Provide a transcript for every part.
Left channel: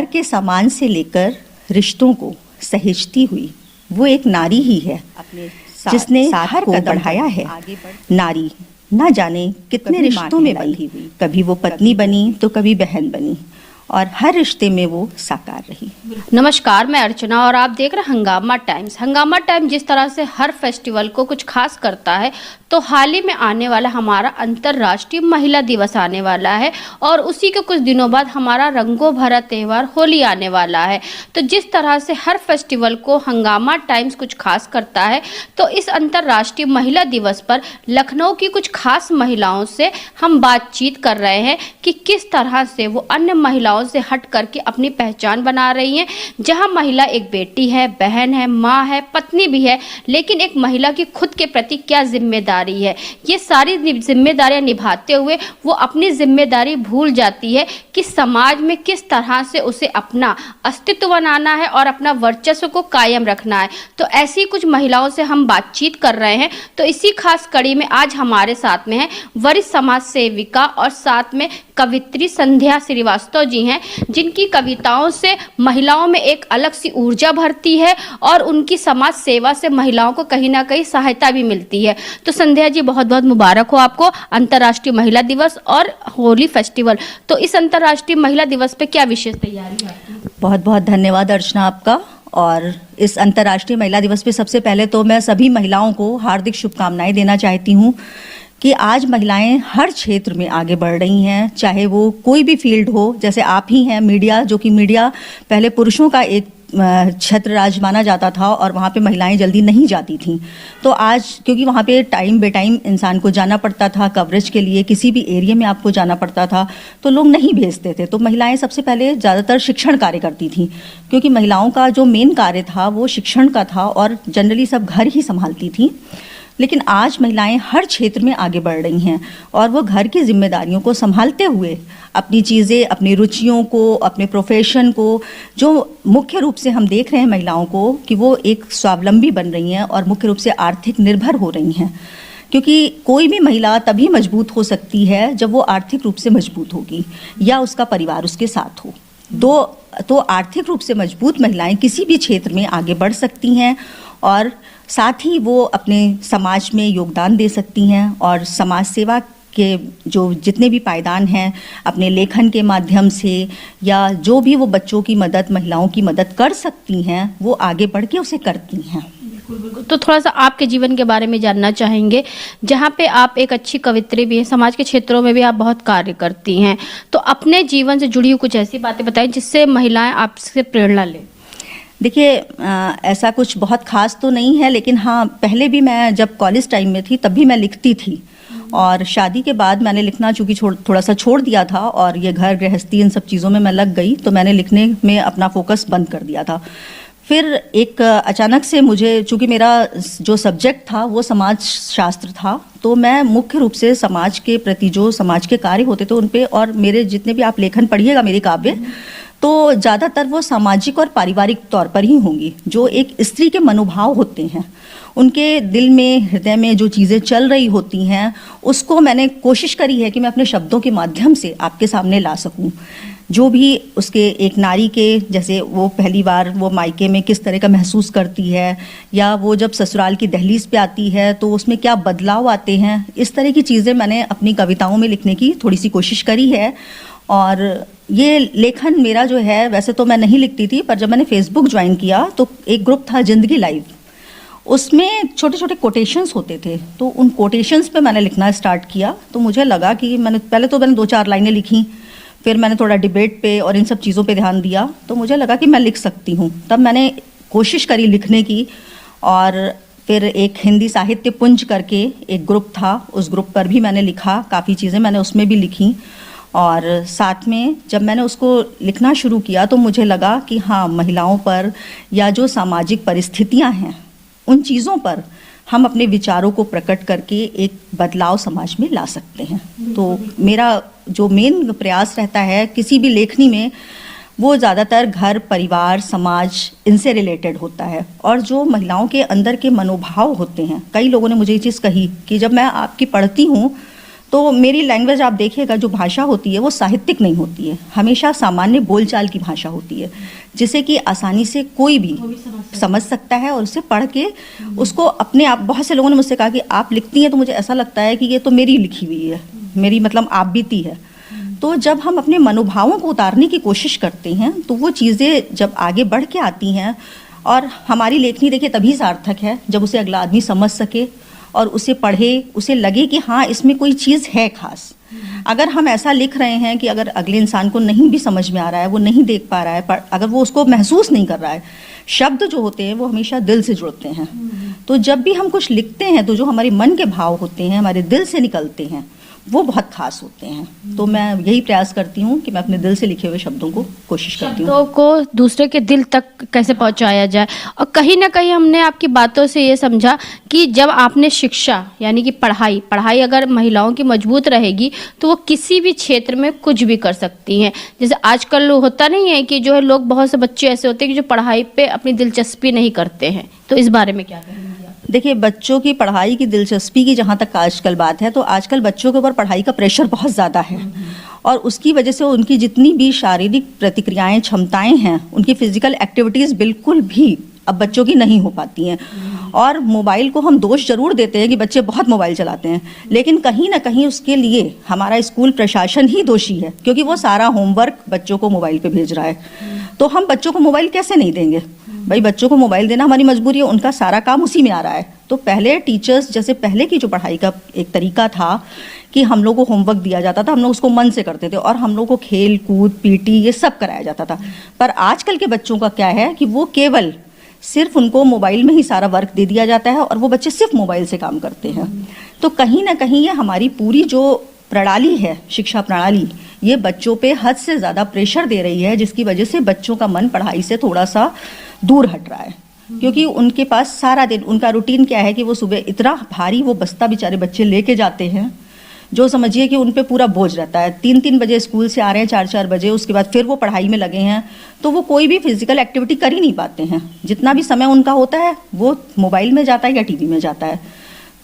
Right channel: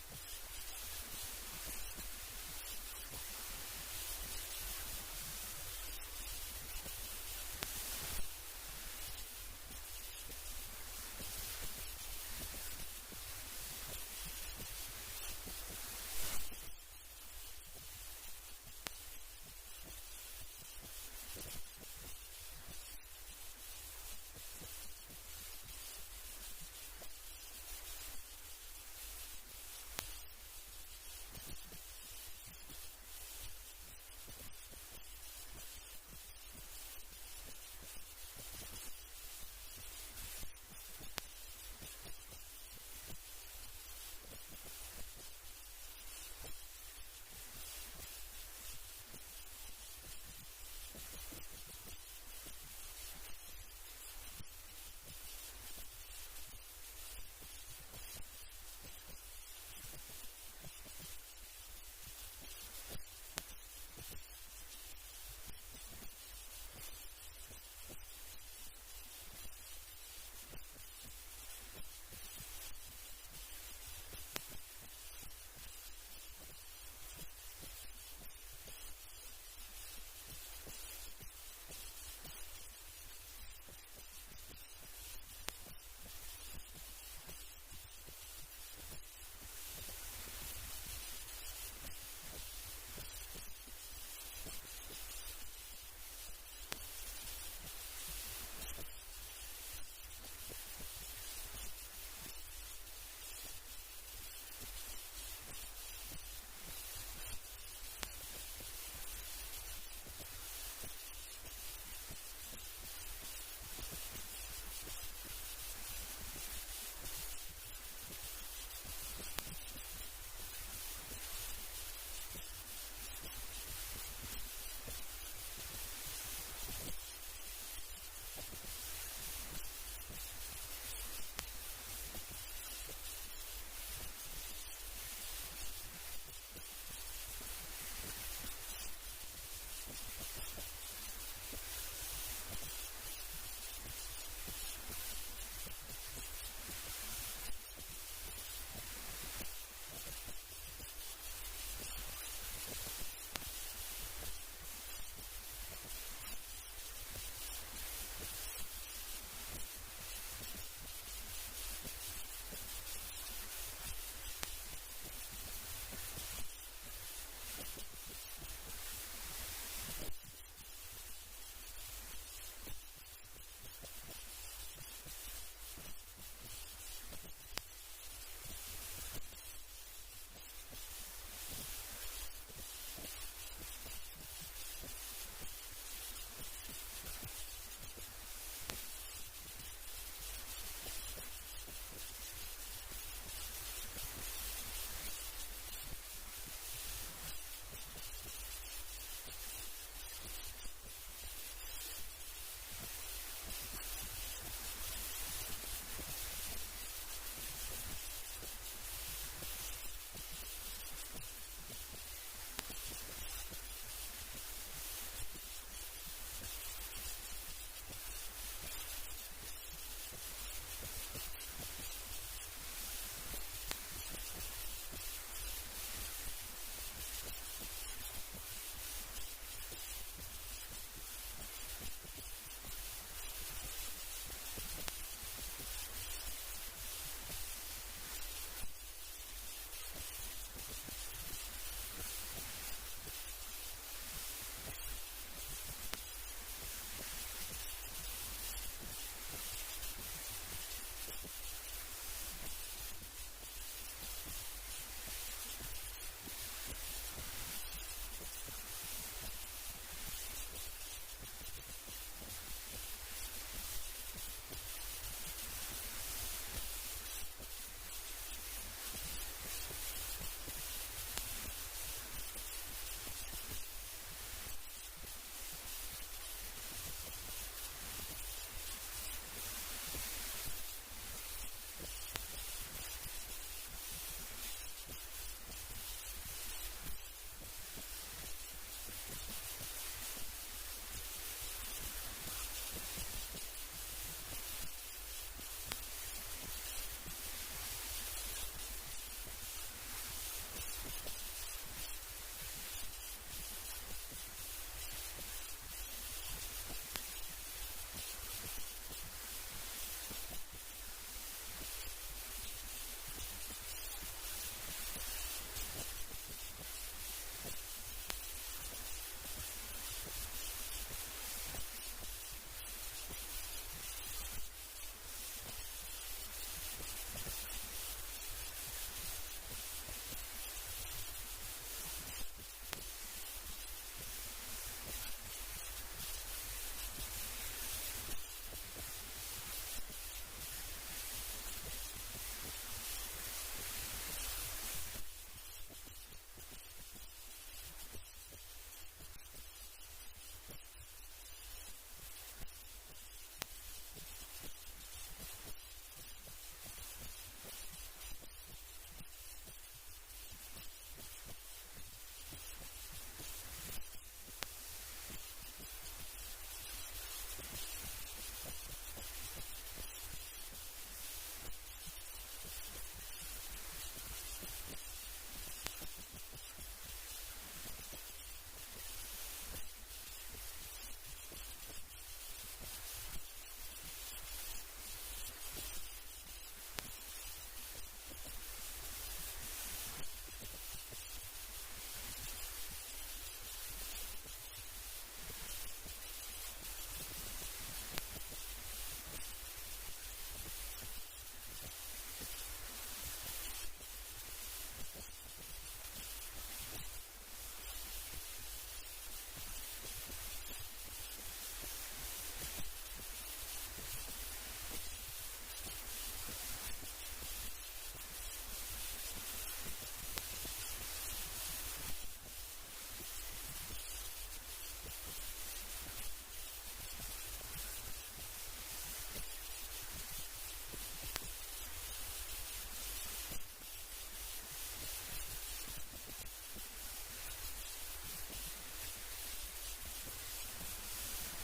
घर के सामान से लेकर रिश्तों को सहेजती हुई वो एक नारी ही है जिसने हर कदम बढ़ाया है। नारी ना जाने कितने रिश्तों में बनी हुई, कभी वो पत्नी बनी तो कभी बहन बनी और हर रिश्ते में वो साकार रही। नमस्कार, मैं अर्चना और आप देख रहे हैं हंगामा टाइम्स। हंगामा टाइम जिस तरह से हर फेस्टिवल को कुछ खास करता है, तो हाल ही में आने वाला हमारा अंतर्राष्ट्रीय महिला दिवस आने वाला है और उसी के कुछ दिनों बाद हमारा रंगों भरा त्यौहार होली आने वाला है। तो जिस तरह से हर फेस्टिवल को हंगामा टाइम्स कुछ खास करता है, तो इस अंतर्राष्ट्रीय महिला दिवस पर लखनऊ की कुछ खास महिलाओं से हम बातचीत कर रहे हैं कि किस तरह से वो अन्य महिलाओं से हट करके अपनी पहचान बना रही हैं। जहां महिला एक बेटी है, बहन है, माँ है, पत्नी भी है, लेकिन एक महिला की खुद के प्रति क्या जिम्मेदारी है, ये सारी जिम्मेदारियां निभाते हुए वो अपनी जिम्मेदारी भूल जाती है कि समाज में किस तरह से उसे अपना अस्तित्व बनाना है और अपना वर्चस्व को कायम रखना है। तो ऐसी कुछ महिलाओं से हम बातचीत कर रहे हैं। तो इसी खास कड़ी में आज हमारे साथ में है वरिष्ठ समाज सेविका और साथ में कवित्री संध्या श्रीवास्तव जी हैं, जिनकी कविताओं से महिलाओं में एक अलग सी ऊर्जा भरती है और उनकी समाज सेवा से महिलाओं को कहीं ना कहीं सहायता भी मिलती है। तो संध्या जी, बहुत बहुत मुबारक हो आपको अंतर्राष्ट्रीय महिला दिवस और होली फेस्टिवल। तो इस अंतर्राष्ट्रीय महिला दिवस पे क्या विशेष तैयारी है आपकी? बहुत बहुत धन्यवाद अर्चना आपका। और इस अंतर्राष्ट्रीय महिला दिवस पे सबसे पहले तो मैं सभी महिलाओं को हार्दिक शुभकामनाएं देना चाहती हूँ कि आज महिलाएं हर क्षेत्र में आगे बढ़ रही हैं, चाहे वो कोई भी फील्ड हो। जैसे आप ही हैं मीडिया, जो कि मीडिया पहले पुरुषों का एक छत्र राज माना जाता था और वहाँ पे महिलाएं जल्दी नहीं जाती थीं। तो आज क्योंकि वहाँ पे टाइम बे टाइम इंसान को जाना पड़ता था कवरेज के लिए, किसी भी एरिया में आपको जाना पड़ता था तो लोग नहीं भेजते थे। तो महिलाएं सबसे पहले ज़्यादातर शिक्षण कार्य करती थीं, क्योंकि महिलाओं का जो मेन कार्य था वो शिक्षण का था और जनरली सब घर ही संभालती थीं। लेकिन आज महिलाएं हर क्षेत्र में आगे बढ़ रही हैं और वो घर की जिम्मेदारियों को संभालते हुए अपनी चीज़ें, अपनी रुचियों को, अपने प्रोफेशन को, जो मुख्य रूप से हम देख रहे हैं महिलाओं को कि वो एक स्वावलंबी बन रही हैं और मुख्य रूप से आर्थिक निर्भर हो रही हैं। क्योंकि कोई भी महिला तभी मजबूत हो सकती है जब वो आर्थिक रूप से मजबूत होगी या उसका परिवार उसके साथ हो। तो आर्थिक रूप से मजबूत महिलाएं किसी भी क्षेत्र में आगे बढ़ सकती हैं और साथ ही वो अपने समाज में योगदान दे सकती हैं और समाज सेवा के जो जितने भी पायदान हैं अपने लेखन के माध्यम से या जो भी वो बच्चों की मदद, महिलाओं की मदद कर सकती हैं, वो आगे बढ़ के उसे करती हैं। तो थोड़ा सा आपके जीवन के बारे में जानना चाहेंगे, जहाँ पे आप एक अच्छी कवित्री भी हैं, समाज के क्षेत्रों में भी आप बहुत कार्य करती हैं। तो अपने जीवन से जुड़ी हुई कुछ ऐसी बातें बताएं जिससे महिलाएं आपसे प्रेरणा लें। देखिए, ऐसा कुछ बहुत खास तो नहीं है, लेकिन हाँ, पहले भी मैं जब कॉलेज टाइम में थी तब भी मैं लिखती थी और शादी के बाद मैंने लिखना चूँकि थोड़ा सा छोड़ दिया था और ये घर गृहस्थी इन सब चीज़ों में मैं लग गई, तो मैंने लिखने में अपना फोकस बंद कर दिया था। फिर एक अचानक से मुझे, चूँकि मेरा जो सब्जेक्ट था वो समाज शास्त्र था, तो मैं मुख्य रूप से समाज के प्रति जो समाज के कार्य होते थे उन पे, और मेरे जितने भी आप लेखन पढ़िएगा मेरे काव्य, तो ज़्यादातर वो सामाजिक और पारिवारिक तौर पर ही होंगी। जो एक स्त्री के मनोभाव होते हैं, उनके दिल में, हृदय में जो चीज़ें चल रही होती हैं, उसको मैंने कोशिश करी है कि मैं अपने शब्दों के माध्यम से आपके सामने ला सकूं। जो भी उसके एक नारी के, जैसे वो पहली बार वो मायके में किस तरह का महसूस करती है, या वो जब ससुराल की दहलीज पे आती है तो उसमें क्या बदलाव आते हैं, इस तरह की चीज़ें मैंने अपनी कविताओं में लिखने की थोड़ी सी कोशिश करी है। और ये लेखन मेरा जो है, वैसे तो मैं नहीं लिखती थी, पर जब मैंने फेसबुक ज्वाइन किया तो एक ग्रुप था जिंदगी लाइव, उसमें छोटे छोटे कोटेशंस होते थे, तो उन कोटेशंस पे मैंने लिखना स्टार्ट किया। तो मुझे लगा कि मैंने 2-4 लाइनें लिखी, फिर मैंने थोड़ा डिबेट पे और इन सब चीज़ों पे ध्यान दिया, तो मुझे लगा कि मैं लिख सकती हूँ। तब मैंने कोशिश करी लिखने की, और फिर एक हिंदी साहित्य पुंज करके एक ग्रुप था, उस ग्रुप पर भी मैंने लिखा, काफ़ी चीज़ें मैंने उसमें भी लिखी। और साथ में जब मैंने उसको लिखना शुरू किया तो मुझे लगा कि हाँ, महिलाओं पर या जो सामाजिक परिस्थितियां हैं उन चीज़ों पर हम अपने विचारों को प्रकट करके एक बदलाव समाज में ला सकते हैं। तो मेरा जो मेन प्रयास रहता है किसी भी लेखनी में, वो ज़्यादातर घर, परिवार, समाज, इनसे रिलेटेड होता है। और जो महिलाओं के अंदर के मनोभाव होते हैं, कई लोगों ने मुझे ये चीज़ कही कि जब मैं आपकी पढ़ती हूँ तो मेरी लैंग्वेज आप देखिएगा, जो भाषा होती है वो साहित्यिक नहीं होती है, हमेशा सामान्य बोलचाल की भाषा होती है, जिसे कि आसानी से कोई भी समझ सकता है और उसे पढ़ के उसको अपने आप। बहुत से लोगों ने मुझसे कहा कि आप लिखती हैं तो मुझे ऐसा लगता है कि ये तो मेरी लिखी हुई है, मेरी मतलब आप बीती है। तो जब हम अपने मनोभावों को उतारने की कोशिश करते हैं तो वो चीज़ें जब आगे बढ़ के आती हैं, और हमारी लेखनी देखिए तभी सार्थक है जब उसे अगला आदमी समझ सके और उसे पढ़े, उसे लगे कि हाँ इसमें कोई चीज़ है खास। अगर हम ऐसा लिख रहे हैं कि अगर अगले इंसान को नहीं भी समझ में आ रहा है, वो नहीं देख पा रहा है, पर अगर वो उसको महसूस नहीं कर रहा है, शब्द जो होते हैं वो हमेशा दिल से जुड़ते हैं। तो जब भी हम कुछ लिखते हैं तो जो हमारे मन के भाव होते हैं, हमारे दिल से निकलते हैं, वो बहुत खास होते हैं। तो मैं यही प्रयास करती हूँ कि मैं अपने दिल से लिखे हुए शब्दों को कोशिश करती हूँ शब्दों को दूसरे के दिल तक कैसे पहुंचाया जाए। और कहीं ना कहीं हमने आपकी बातों से ये समझा कि जब आपने शिक्षा यानी कि पढ़ाई अगर महिलाओं की मजबूत रहेगी तो वो किसी भी क्षेत्र में कुछ भी कर सकती हैं। जैसे आजकल होता नहीं है कि जो है लोग, बहुत से बच्चे ऐसे होते हैं कि जो पढ़ाई पे अपनी दिलचस्पी नहीं करते हैं, तो इस बारे में क्या कहेंगे? देखिए, बच्चों की पढ़ाई की दिलचस्पी की जहाँ तक आजकल बात है, तो आजकल बच्चों के ऊपर पढ़ाई का प्रेशर बहुत ज़्यादा है, और उसकी वजह से उनकी जितनी भी शारीरिक प्रतिक्रियाएं, क्षमताएं हैं, उनकी फिजिकल एक्टिविटीज़ बिल्कुल भी अब बच्चों की नहीं हो पाती हैं। और मोबाइल को हम दोष जरूर देते हैं कि बच्चे बहुत मोबाइल चलाते हैं, लेकिन कहीं ना कहीं उसके लिए हमारा स्कूल प्रशासन ही दोषी है, क्योंकि वो सारा होमवर्क बच्चों को मोबाइल पे भेज रहा है। तो हम बच्चों को मोबाइल कैसे नहीं देंगे? भाई बच्चों को मोबाइल देना हमारी मजबूरी है, उनका सारा काम उसी में आ रहा है। तो पहले टीचर्स, जैसे पहले की जो पढ़ाई का एक तरीका था कि हम लोग को होमवर्क दिया जाता था, हम लोग उसको मन से करते थे, और हम लोग को खेल कूद, पीटी, ये सब कराया जाता था। पर आजकल के बच्चों का क्या है कि वो केवल सिर्फ उनको मोबाइल में ही सारा वर्क दे दिया जाता है और वो बच्चे सिर्फ मोबाइल से काम करते हैं। तो कहीं ना कहीं ये हमारी पूरी जो प्रणाली है, शिक्षा प्रणाली, ये बच्चों पे हद से ज़्यादा प्रेशर दे रही है, जिसकी वजह से बच्चों का मन पढ़ाई से थोड़ा सा दूर हट रहा है। क्योंकि उनके पास सारा दिन उनका रूटीन क्या है कि वो सुबह इतना भारी वो बस्ता बेचारे बच्चे लेके जाते हैं, जो समझिए कि उन पे पूरा बोझ रहता है। 3-3 बजे स्कूल से आ रहे हैं, 4-4 बजे, उसके बाद फिर वो पढ़ाई में लगे हैं, तो वो कोई भी फिजिकल एक्टिविटी कर ही नहीं पाते हैं। जितना भी समय उनका होता है वो मोबाइल में जाता है या टीवी में जाता है।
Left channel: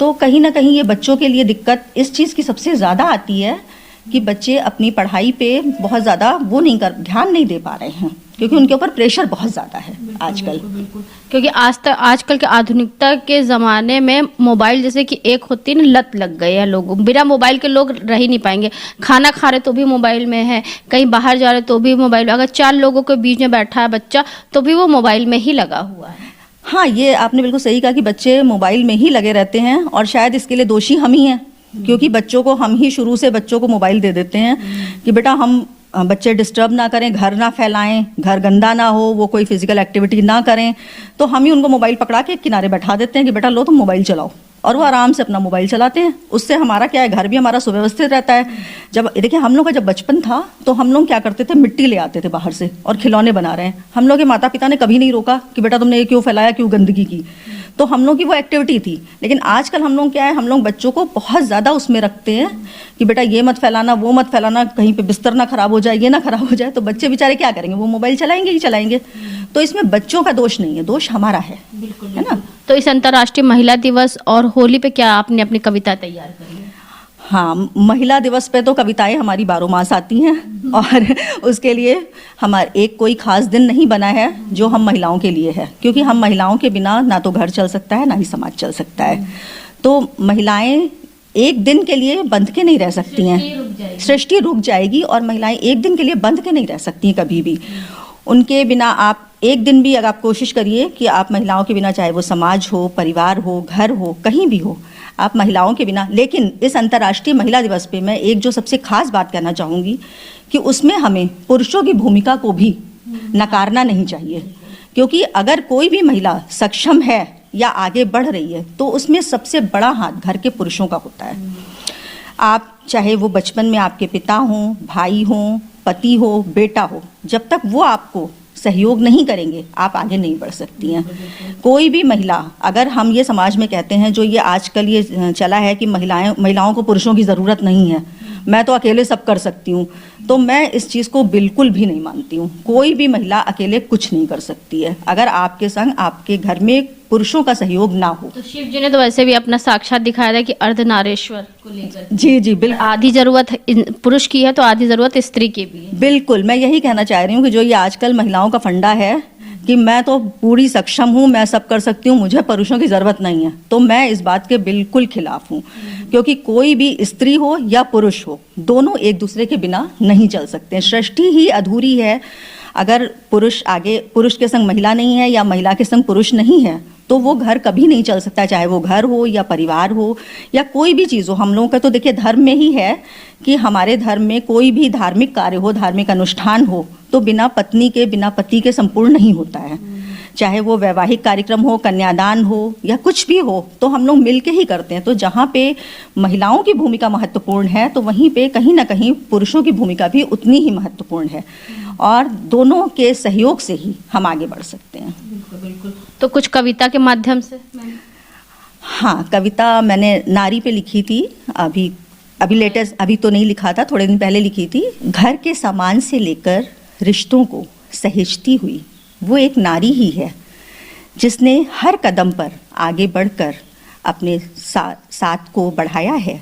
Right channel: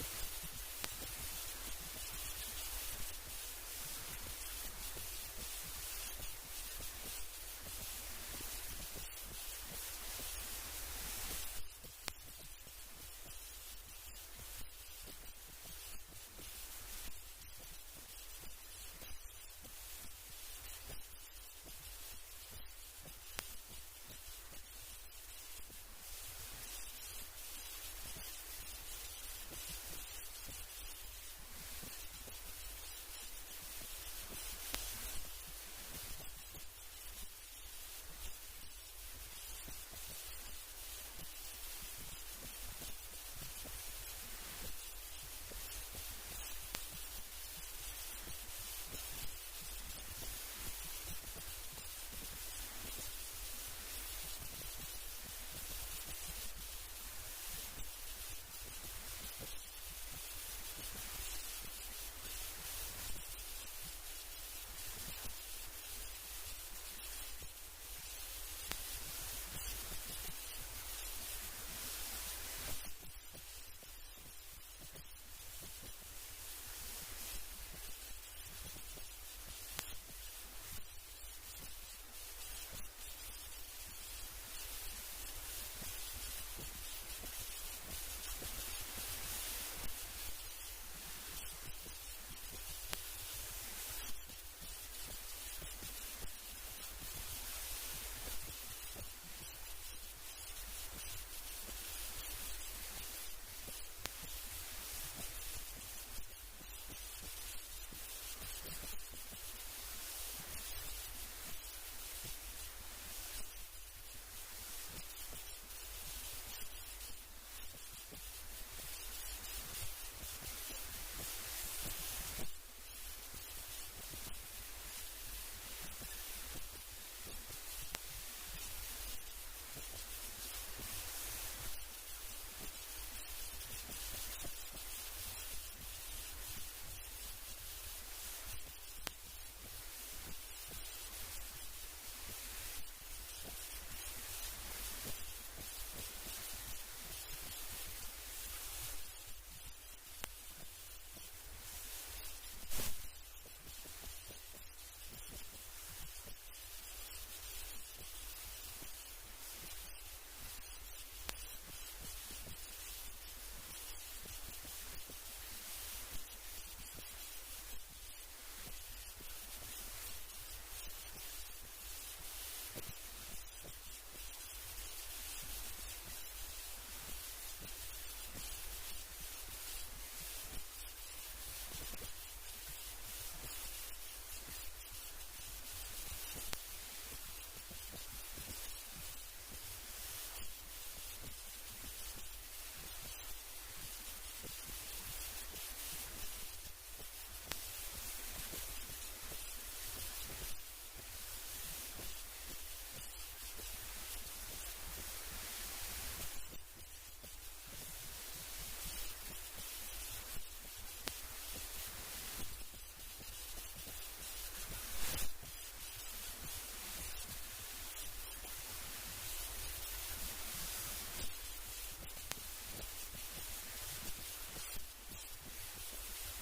तो कहीं ना कहीं ये बच्चों के लिए दिक्कत इस चीज़ की सबसे ज़्यादा आती है कि बच्चे अपनी पढ़ाई पे बहुत ज़्यादा वो नहीं कर, ध्यान नहीं दे पा रहे हैं, क्योंकि उनके ऊपर प्रेशर बहुत ज़्यादा है आजकल। क्योंकि आजकल के आधुनिकता के ज़माने में मोबाइल जैसे कि एक होती है ना, लत लग गई है लोगों। बिना मोबाइल के लोग रह ही नहीं पाएंगे। खाना खा रहे तो भी मोबाइल में है, कहीं बाहर जा रहे तो भी मोबाइल, अगर 4 लोगों के बीच में बैठा है बच्चा तो भी वो मोबाइल में ही लगा हुआ है। हाँ, ये आपने बिल्कुल सही कहा कि बच्चे मोबाइल में ही लगे रहते हैं, और शायद इसके लिए दोषी हम ही हैं, क्योंकि बच्चों को हम ही शुरू से बच्चों को मोबाइल दे देते हैं कि बेटा हम बच्चे डिस्टर्ब ना करें, घर ना फैलाएं, घर गंदा ना हो, वो कोई फिजिकल एक्टिविटी ना करें, तो हम ही उनको मोबाइल पकड़ा के किनारे बैठा देते हैं कि बेटा लो तुम मोबाइल चलाओ, और वो आराम से अपना मोबाइल चलाते हैं। उससे हमारा क्या है, घर भी हमारा सुव्यवस्थित रहता है। जब देखिए हम लोग का जब बचपन था तो हम लोग क्या करते थे, मिट्टी ले आते थे बाहर से और खिलौने बना रहे हैं। हम लोग के माता पिता ने कभी नहीं रोका कि बेटा तुमने ये क्यों फैलाया, क्यों गंदगी की। तो हम लोग की वो एक्टिविटी थी। लेकिन आजकल हम लोग क्या है, हम लोग बच्चों को बहुत ज़्यादा उसमें रखते हैं कि बेटा ये मत फैलाना, वो मत फैलाना, कहीं पे बिस्तर ना खराब हो जाए, ये ना खराब हो जाए। तो बच्चे बेचारे क्या करेंगे, वो मोबाइल चलाएंगे ही चलाएंगे। तो इसमें बच्चों का दोष नहीं है, दोष हमारा है, है ना। तो इस अंतर्राष्ट्रीय महिला दिवस और होली पे क्या आपने अपनी कविता तैयार करी है? हाँ, महिला दिवस पे तो कविताएं हमारी 12 मास आती हैं, और उसके लिए हमारा एक कोई खास दिन नहीं बना है जो हम महिलाओं के लिए है, क्योंकि हम महिलाओं के बिना ना तो घर चल सकता है, ना ही समाज चल सकता है। तो महिलाएं एक दिन के लिए बंध के नहीं रह सकती हैं, सृष्टि रुक जाएगी, और महिलाएं एक दिन के लिए बंध के नहीं रह सकती हैं कभी भी। उनके बिना आप एक दिन भी अगर आप कोशिश करिए कि आप महिलाओं के बिना, चाहे वो समाज हो, परिवार हो, घर हो, कहीं भी हो, आप महिलाओं के बिना। लेकिन इस अंतर्राष्ट्रीय महिला दिवस पे मैं एक जो सबसे खास बात कहना चाहूँगी कि उसमें हमें पुरुषों की भूमिका को भी नकारना नहीं चाहिए, क्योंकि अगर कोई भी महिला सक्षम है या आगे बढ़ रही है तो उसमें सबसे बड़ा हाथ घर के पुरुषों का होता है। आप चाहे वो बचपन में आपके पिता हों, भाई हों, पति हो, बेटा हो, जब तक वो आपको सहयोग नहीं करेंगे आप आगे नहीं बढ़ सकती हैं। कोई भी महिला, अगर हम ये समाज में कहते हैं, जो ये आजकल ये चला है कि महिलाओं को पुरुषों की ज़रूरत नहीं है, मैं तो अकेले सब कर सकती हूँ, तो मैं इस चीज़ को बिल्कुल भी नहीं मानती हूँ। कोई भी महिला अकेले कुछ नहीं कर सकती है अगर आपके संग आपके घर में पुरुषों का सहयोग ना हो। तो शिव जी ने तो वैसे भी अपना साक्षात दिखाया था कि अर्धनारेश्वर को लेकर। जी जी बिल्कुल। आधी जरूरत पुरुष की है तो आधी जरूरत स्त्री की भी है। बिल्कुल, मैं यही कहना चाह रही हूँ कि जो ये आजकल महिलाओं का फंडा है कि मैं तो पूरी सक्षम हूँ, मैं सब कर सकती हूँ, मुझे पुरुषों की ज़रूरत नहीं है, तो मैं इस बात के बिल्कुल खिलाफ हूँ। क्योंकि कोई भी स्त्री हो या पुरुष हो, दोनों एक दूसरे के बिना नहीं चल सकते। सृष्टि ही अधूरी है अगर पुरुष के संग महिला नहीं है या महिला के संग पुरुष नहीं है, तो वो घर कभी नहीं चल सकता, चाहे वो घर हो या परिवार हो या कोई भी चीज़ हो। हम लोगों का तो देखिए धर्म में ही है कि हमारे धर्म में कोई भी धार्मिक कार्य हो, धार्मिक अनुष्ठान हो, तो बिना पत्नी के बिना पति के संपूर्ण नहीं होता है। चाहे वो वैवाहिक कार्यक्रम हो, कन्यादान हो या कुछ भी हो, तो हम लोग मिल के ही करते हैं। तो जहाँ पे महिलाओं की भूमिका महत्वपूर्ण है, तो वहीं पे कहीं ना कहीं पुरुषों की भूमिका भी उतनी ही महत्वपूर्ण है, और दोनों के सहयोग से ही हम आगे बढ़ सकते हैं। बिल्कुल। तो कुछ कविता के माध्यम से? हाँ, कविता मैंने नारी पे लिखी थी, अभी लेटेस्ट, अभी तो नहीं लिखा था, थोड़े दिन पहले लिखी थी। घर के सामान से लेकर रिश्तों को सहेजती हुई वो एक नारी ही है, जिसने हर कदम पर आगे बढ़कर अपने साथ को बढ़ाया है।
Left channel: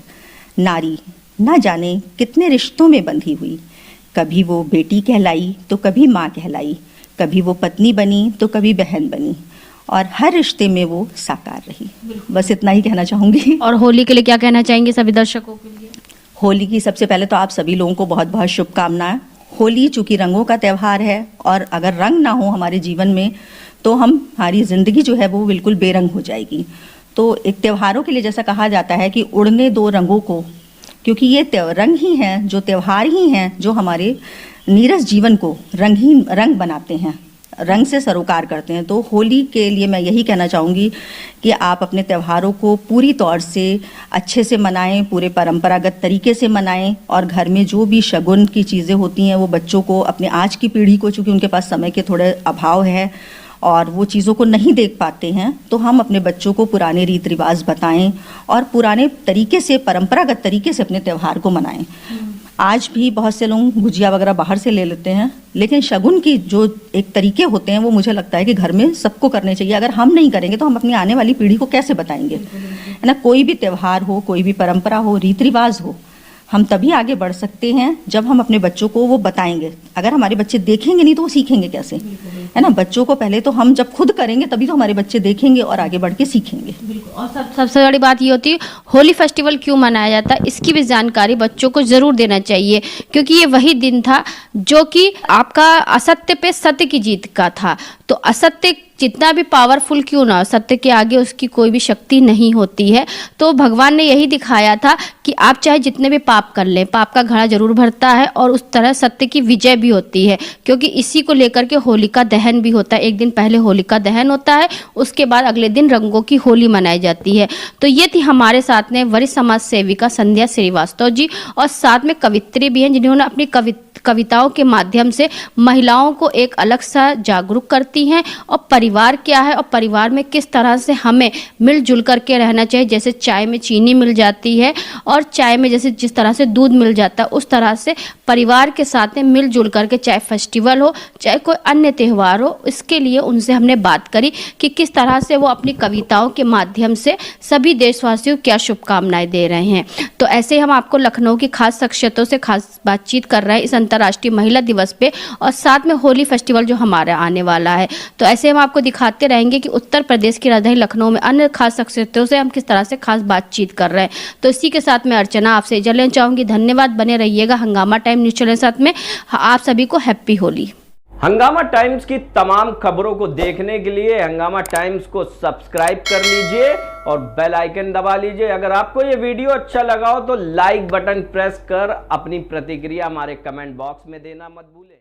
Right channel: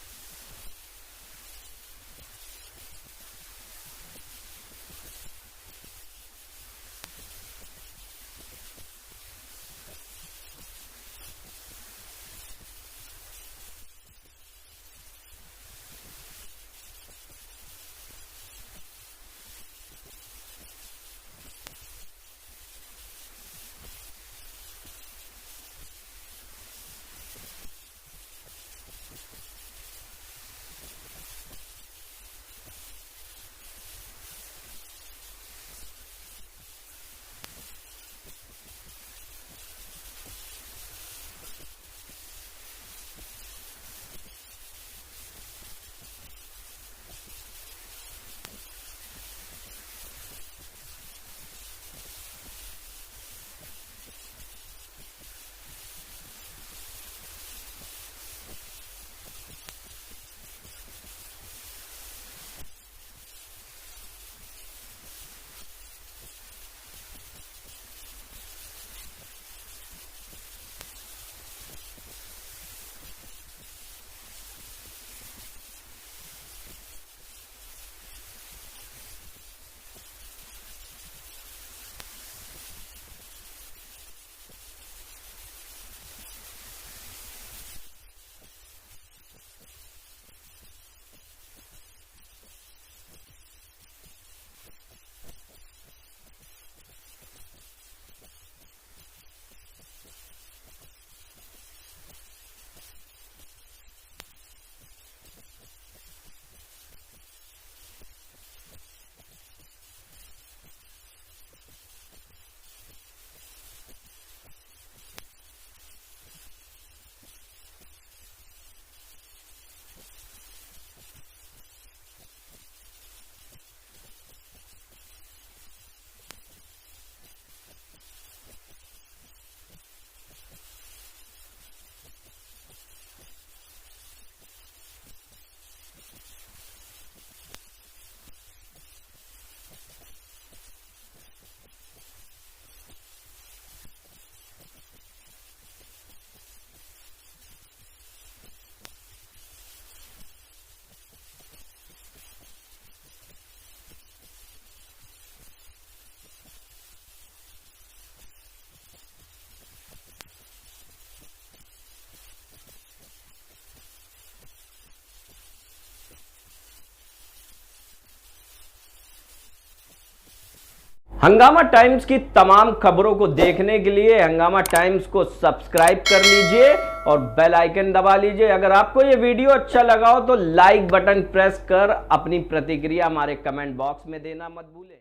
नारी ना जाने कितने रिश्तों में बंधी हुई, कभी वो बेटी कहलाई तो कभी माँ कहलाई, कभी वो पत्नी बनी तो कभी बहन बनी, और हर रिश्ते में वो साकार रही। बस इतना ही कहना चाहूँगी। और होली के लिए क्या कहना चाहेंगे सभी दर्शकों के लिए? होली की सबसे पहले तो आप सभी लोगों को बहुत बहुत शुभकामनाएं। होली चूँकि रंगों का त्यौहार है, और अगर रंग ना हो हमारे जीवन में तो हमारी ज़िंदगी जो है वो बिल्कुल बेरंग हो जाएगी। तो एक त्योहारों के लिए जैसा कहा जाता है कि उड़ने दो रंगों को, क्योंकि ये रंग ही हैं, जो त्यौहार ही हैं जो हमारे नीरस जीवन को रंग बनाते हैं, रंग से सरोकार करते हैं। तो होली के लिए मैं यही कहना चाहूँगी कि आप अपने त्योहारों को पूरी तौर से अच्छे से मनाएं, पूरे परंपरागत तरीके से मनाएं, और घर में जो भी शगुन की चीज़ें होती हैं वो बच्चों को, अपने आज की पीढ़ी को, चूँकि उनके पास समय के थोड़े अभाव है और वो चीज़ों को नहीं देख पाते हैं, तो हम अपने बच्चों को पुराने रीति रिवाज बताएं और पुराने तरीके से, परंपरागत तरीके से अपने त्यौहार को मनाएं। आज भी बहुत से लोग गुजिया वगैरह बाहर से ले लेते हैं, लेकिन शगुन की जो एक तरीके होते हैं वो मुझे लगता है कि घर में सबको करने चाहिए। अगर हम नहीं करेंगे तो हम अपनी आने वाली पीढ़ी को कैसे बताएंगे, है ना। कोई भी त्यौहार हो, कोई भी परंपरा हो, रीति रिवाज हो, हम तभी आगे बढ़ सकते हैं जब हम अपने बच्चों को वो बताएंगे। अगर हमारे बच्चे देखेंगे नहीं तो वो सीखेंगे कैसे, है ना। बच्चों को पहले तो हम जब खुद करेंगे तभी तो हमारे बच्चे देखेंगे और आगे बढ़ के सीखेंगे। और सबसे बड़ी बात ये होती है होली फेस्टिवल क्यों मनाया जाता है, इसकी भी जानकारी बच्चों को जरूर देना चाहिए, क्योंकि ये वही दिन था जो कि आपका असत्य पे सत्य की जीत का था। तो असत्य जितना भी पावरफुल क्यों ना, सत्य के आगे उसकी कोई भी शक्ति नहीं होती है। तो भगवान ने यही दिखाया था कि आप चाहे जितने भी पाप कर लें, पाप का घड़ा जरूर भरता है और उस तरह सत्य की विजय भी होती है, क्योंकि इसी को लेकर के होलिका दहन भी होता है। एक दिन पहले होलिका दहन होता है, उसके बाद अगले दिन रंगों की होली मनाई जाती है। तो ये थी हमारे साथ में वरिष्ठ समाज सेविका संध्या श्रीवास्तव जी, और साथ में कवित्री भी हैं जिन्होंने अपनी कविताओं के माध्यम से महिलाओं को एक अलग सा जागरूक करती हैं, और परिवार क्या है और परिवार में किस तरह से हमें मिलजुल करके रहना चाहिए। जैसे चाय में चीनी मिल जाती है और चाय में जैसे जिस तरह से दूध मिल जाता है, उस तरह से परिवार के साथ में मिलजुल करके, चाहे फेस्टिवल हो चाहे कोई अन्य त्यौहार हो, इसके लिए उनसे हमने बात करी कि किस तरह से वो अपनी कविताओं के माध्यम से सभी देशवासियों को क्या शुभकामनाएं दे रहे हैं। तो ऐसे हम आपको लखनऊ की खास शख्सियतों से खास बातचीत कर रहे हैं इस अंतर्राष्ट्रीय महिला दिवस पे, और साथ में होली फेस्टिवल जो हमारा आने वाला है। तो ऐसे हम आपको दिखाते रहेंगे कि उत्तर प्रदेश की राजधानी लखनऊ में अन्य खास शख्सियतों से हम किस तरह से खास बातचीत कर रहे हैं। तो इसी के साथ मैं अर्चना आपसे इजाजत लेना चाहूंगी। धन्यवाद, बने रहिएगा हंगामा टाइम न्यूज चैनल साथ में। आप सभी को हैप्पी होली। हंगामा टाइम्स की तमाम खबरों को देखने के लिए हंगामा टाइम्स को सब्सक्राइब कर लीजिए और बेल आइकन दबा लीजिए। अगर आपको ये वीडियो अच्छा लगा हो तो लाइक बटन प्रेस कर अपनी प्रतिक्रिया हमारे कमेंट बॉक्स में देना मत भूलें।